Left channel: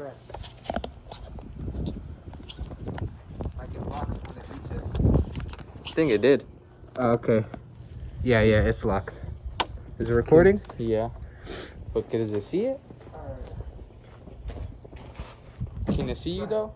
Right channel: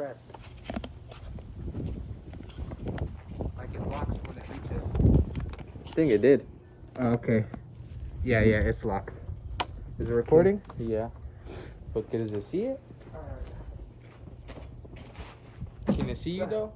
press. Like it locks when it reaches. I think it did. Okay. Yeah, it's locked. Is it recording? Yeah. But does it see it? Can it see you though?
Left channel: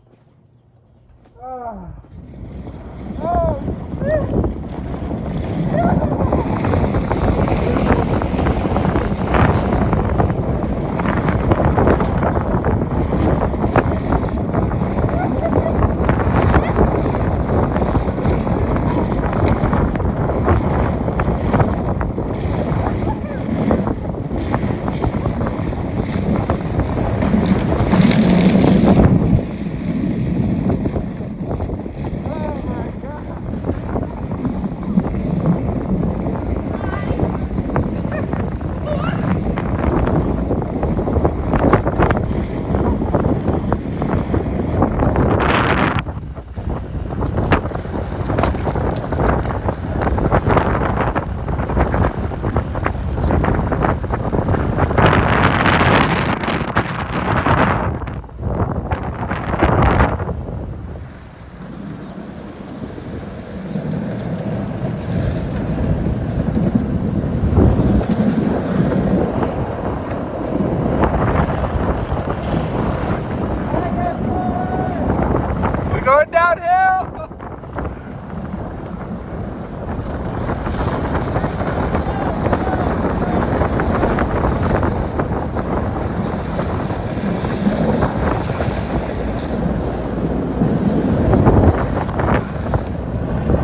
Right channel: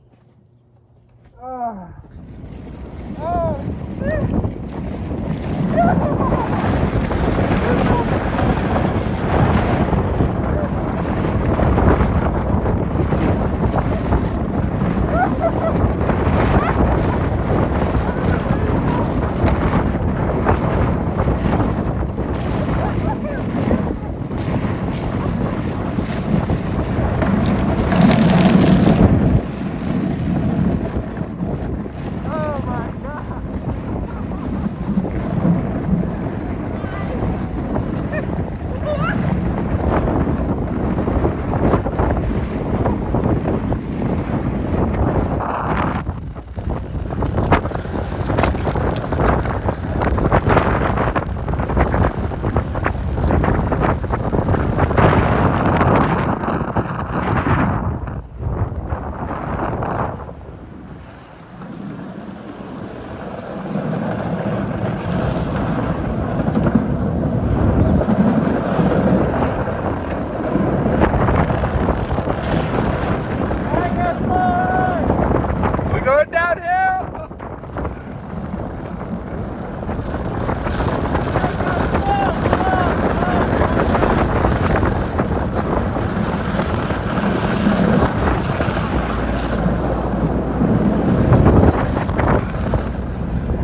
Going downhill!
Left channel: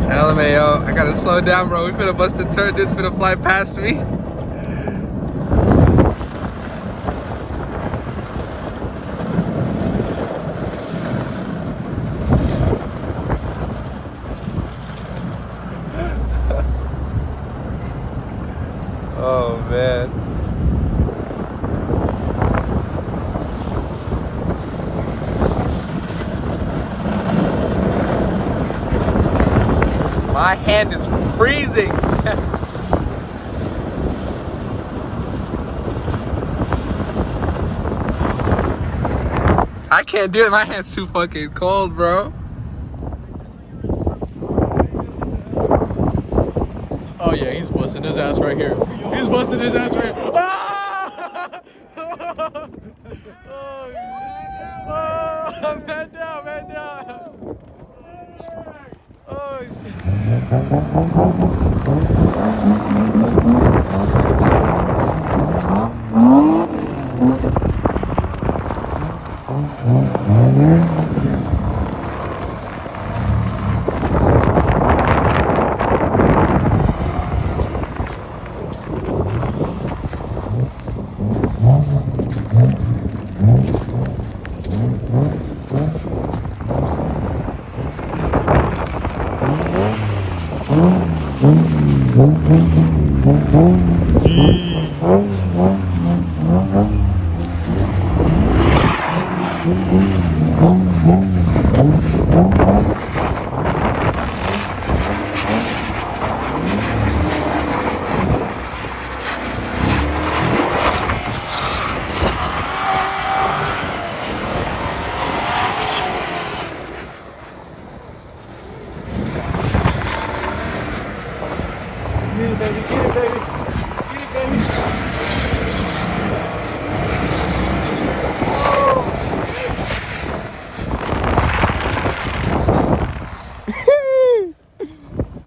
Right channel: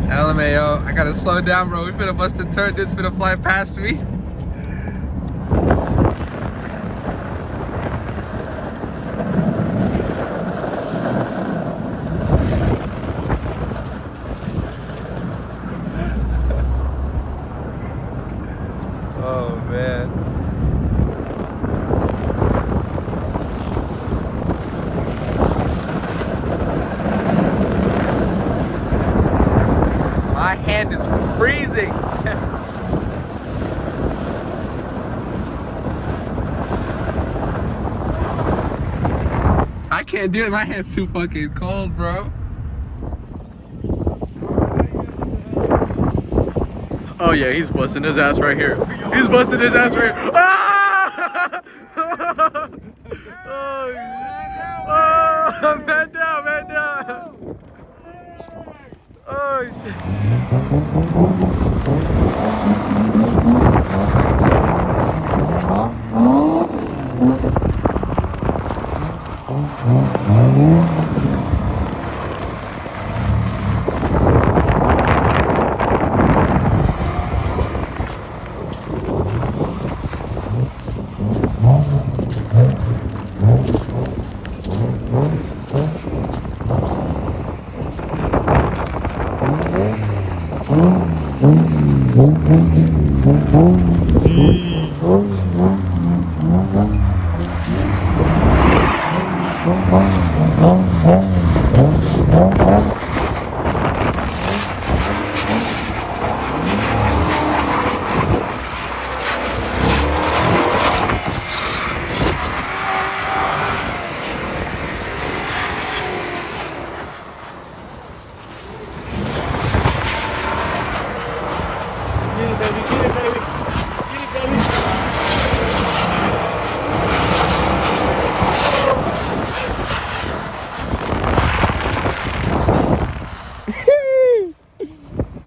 LMAO, I gotta slow down, bro. We finna bust a turn. This finna fly past me. Oh man. My hand is freezing. I can't do it. My hand's too fucking cold, bro. Oh yeah, he's busting his ass right here. He's busting his ass right here. Ah! Oh, shit. Oh, man down, man down. Oh shit.